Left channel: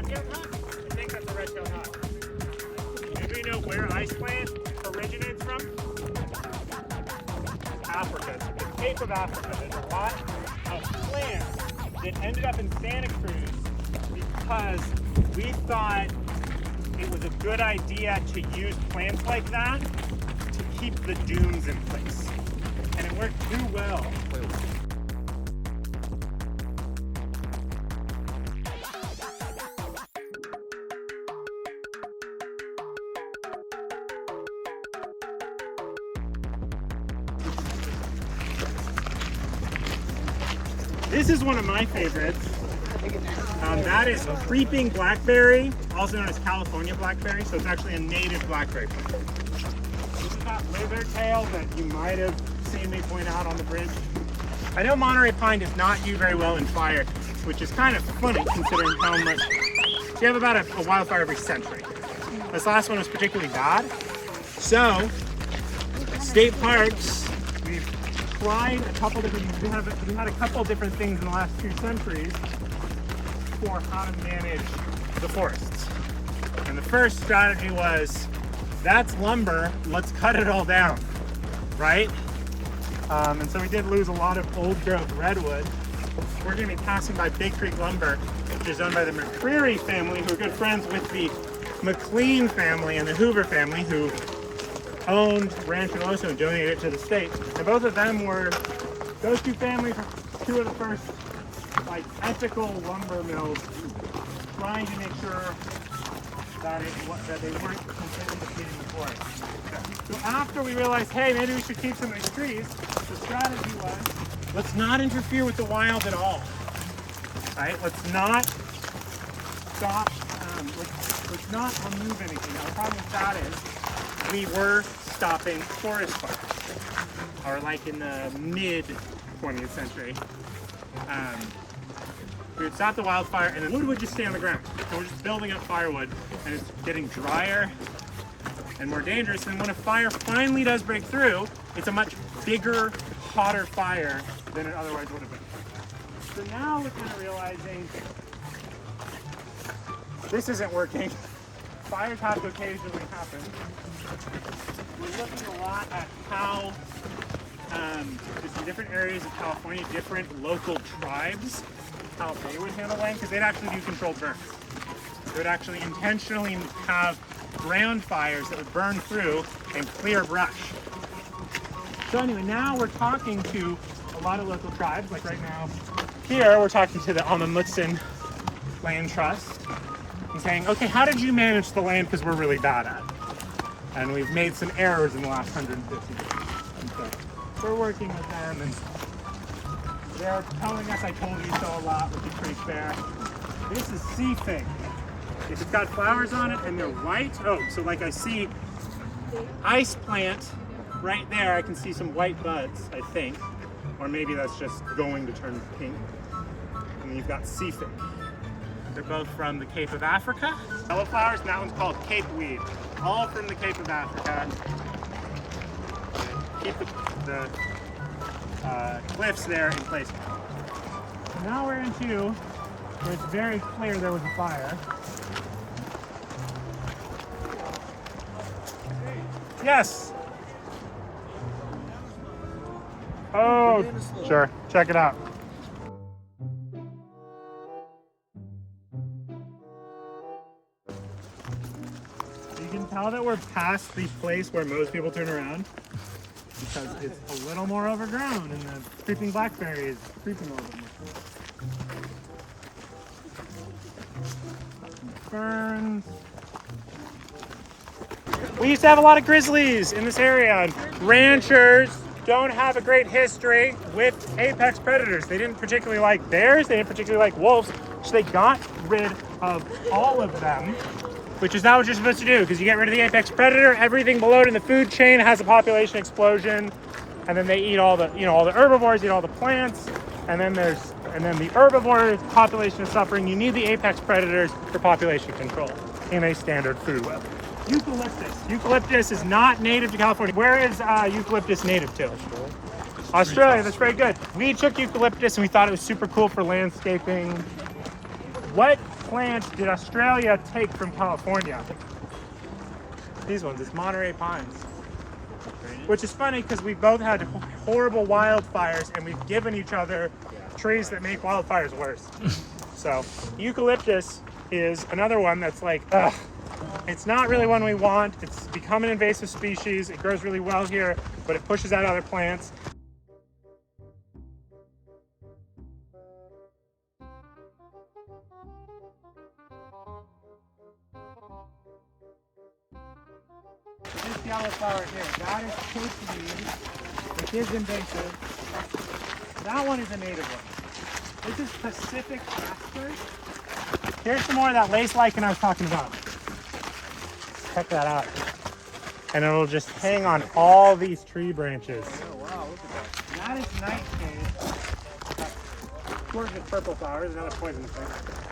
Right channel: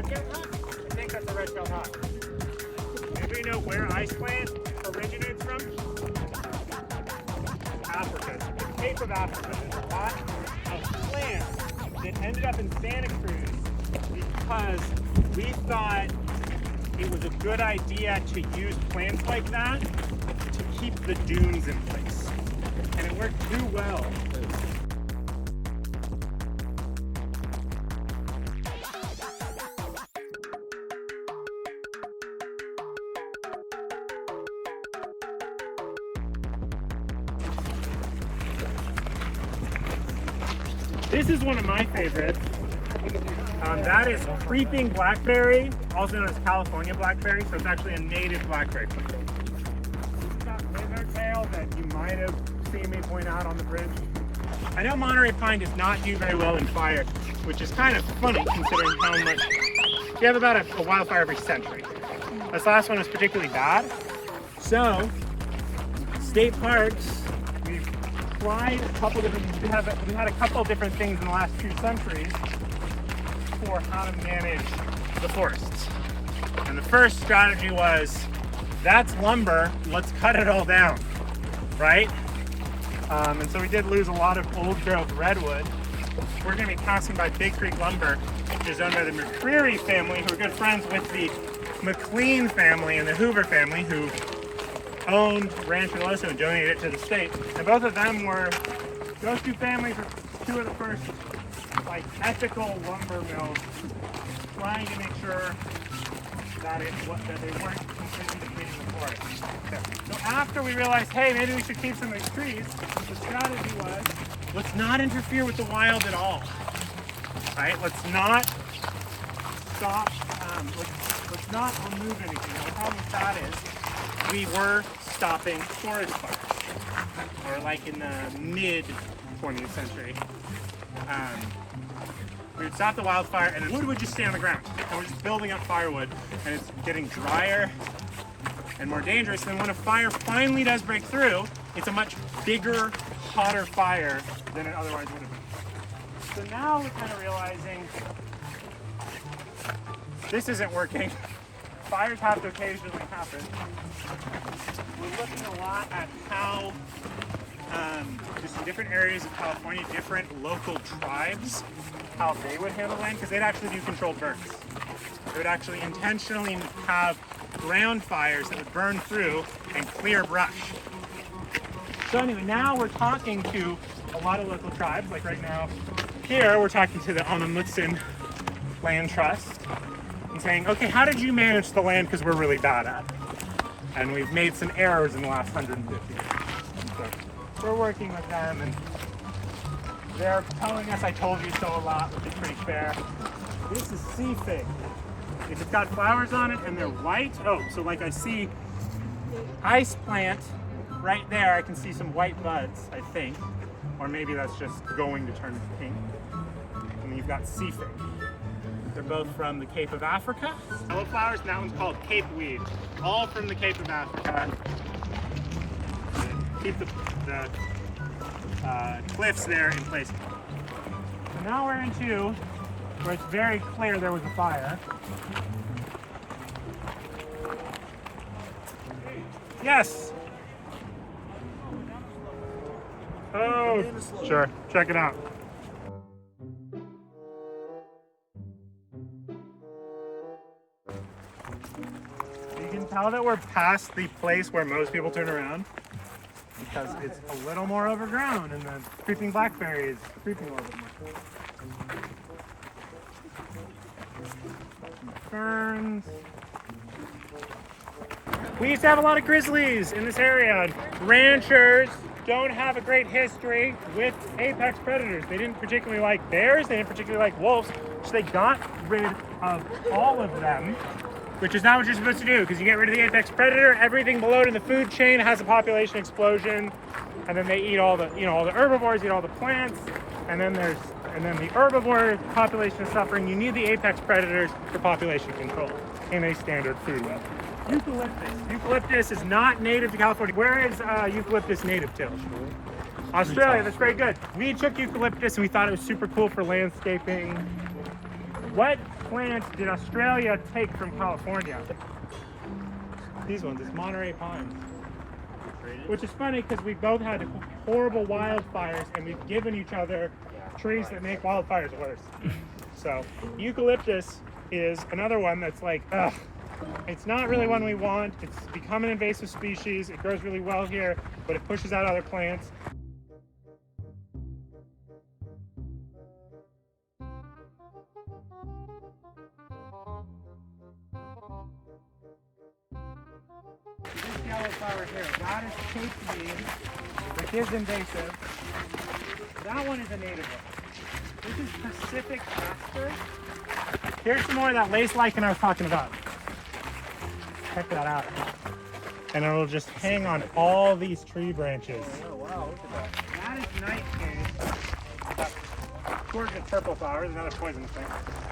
red-tailed hawk? I think that's a red-tailed hawk. Anybody know where ice plant originates from? Africa. It's the Cape of Africa. There's a lot of plants that ended up in Santa Cruz because we thought it was a good idea to use plants like that to keep the dunes in place. And it worked too well. This is one of my favorites. That is creeping blackberry, also known as California blackberry. So it's actually a native blackberry plant. It's got lizard tail that you might have seen me point out on the bridge. I know Monterey pine does not do very well in fire, which is kind of funny considering how much you have about a wildfire every century. This last one was particularly bad. So, state parks, we've tried a couple different, we had a couple different things in the last few centuries for how to manage the forests. And the first strategy was, that's lumber, let's cut it all down, right? And so we did lose a lot of old growth redwood. We're gonna be passing by Big Creek Lumber, which is owned by the McCreary family, who are good friends with the McLean family and the Hoover family, who owned Rancho del Oso and donated it to the state. And both of them were, those two families were two of the first like ethical lumber mills, trying to make sure that they weren't completely depleting the forest. So after we realized, hey, maybe we should keep some of these trees, the strategy was, let's not interfere with the wild at all, right? Let's not stop, let's not remove anything. Now the problem with that is, we were stopping forest fires, or like in the mid 20th century. We would stop the wildfire and the wood would just stay on the ground. And we're just building up firewood and it's getting drier and more dangerous. And when a fire finally does break through, it's a much bigger, hotter fire than it otherwise would have been. So now we're kind of realizing this isn't working. Fires have to occasionally happen. We're looking a lot at how just in different areas of California, different local tribes, how they would handle land, because they'd actually do controlled burns. They would actually intentionally have ground fires that would burn through and clear brush. So anyway, now we're talking to a lot of local tribes, like right now here, we're talking to the Amamutsin Land Trust and saying, okay, how did you manage the land, because we're really bad at it. And we've made some errors in the last 150 years. And so we're working with them, and they're telling us I told you so a lot, which is pretty fair. This is sea fig. It's got flowers on it and they're white. Oh, so like I see ice plant right there. I can see some white buds, I think. Or maybe that's just going to turn pink. And then you've got sea fig. They're both from the Cape of Africa. Yellow flowers, and that one's called Cape weed. All from the Cape of Africa. Keep the cliffs there in place. So now we're into where it's very clear there was a fire. Yes. Oh, sure. Check it out. So you can tell that we're past the place where most people turn around, because it's a little more overgrown and the creeping blackberry is creeping a little bit more. Ferns. We used to have a lot of grizzlies in this area, and ranchers don't have a great history with apex predators. They didn't particularly like bears, they didn't particularly like wolves, so they got rid of all of them, which is not what you're supposed to do, because you get rid of the apex predator, everything below it in the food chain has a population explosion, and then they eat all the, all the herbivores eat all the plants, and then the herbivore population is suffering. You need the apex predators for population control in a standard food web. Eucalyptus. Eucalyptus is not native to California. Where is eucalyptus native to? Australia. That's very good. We took eucalyptus and we thought it was super cool for landscaping. What plant did Australia take from California? These ones, it's Monterey pines. Which is funny because we both had horrible wildfires and we've given each other trees that make wildfires worse. So eucalyptus is another one that's like, ugh, it's not really one we want. It's become an invasive species. It grows really well here, but it pushes out other plants. This yellow flower here, that is supposed to be, which is invasive. That one is a native one. This is Pacific Jasper. Here's some more of that lace lichen I was talking about. Check that out. And it will just hang on all these tree branches. That is nightshade. Here's the purple flowers, another poison thing.